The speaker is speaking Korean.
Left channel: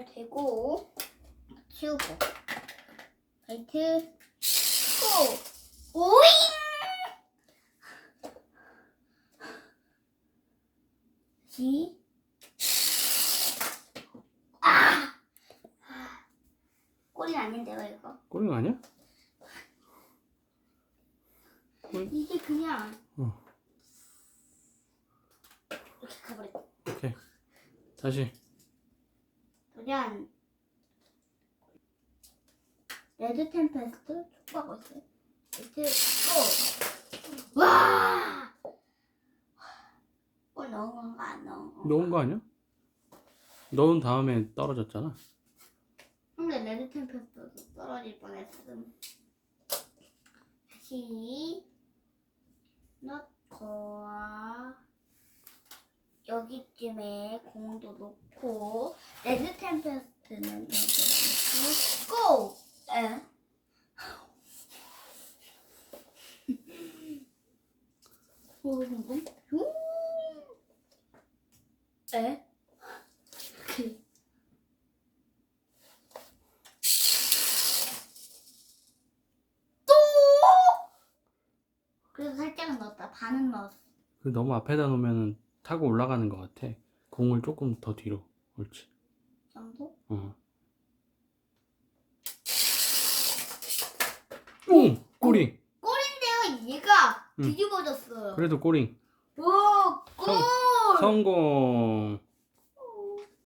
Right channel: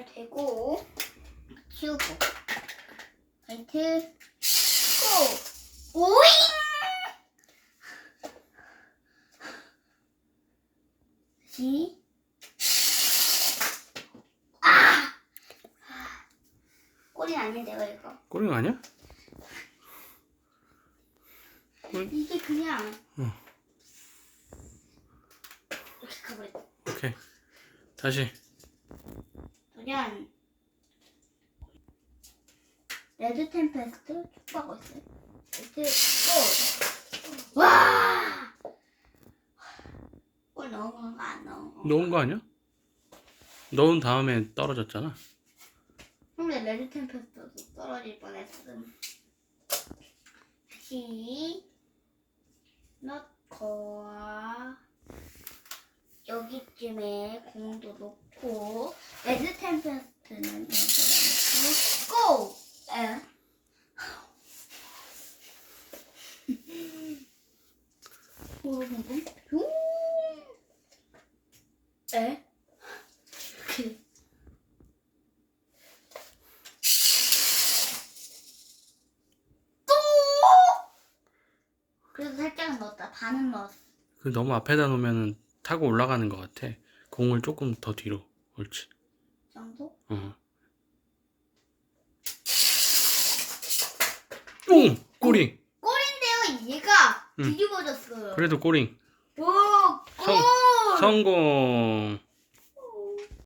잘 되고 치우고. 라이트. 고! 오잉! 다시. 아! 꼬리 아닌데요 이거? 꼬링 아니야? 이게 그냥. 응. 이렇게 가버렸다 오케이. 다시. 그냥 레드 템페스트 축구하고 있어요. 고! 와! 골 넣은 건가 안 넣은 건가? 넣은 거 아니야? 넣은 다음에 떨어졌잖아. 근데 레드 템페스트도 떨어질 뻔했음. 다시 넣고 여기쯤에 공도 놓고 레드 템페스트는 여기다 놓고 고! 에. 오! 에? 그 또! 그래도 살짝은 넣었다. 반은 넣었어. 그 너무 앞에다 놓으면 타고 올라가는 것 같아. 공을 조금 더 뒤로. 옳지. 이 정도? 어. 오! 꼬링! 꼴인데요, 얘가 응. 뒤집어졌어요. 그래도 꼬링. 오, 골! 성- 성공!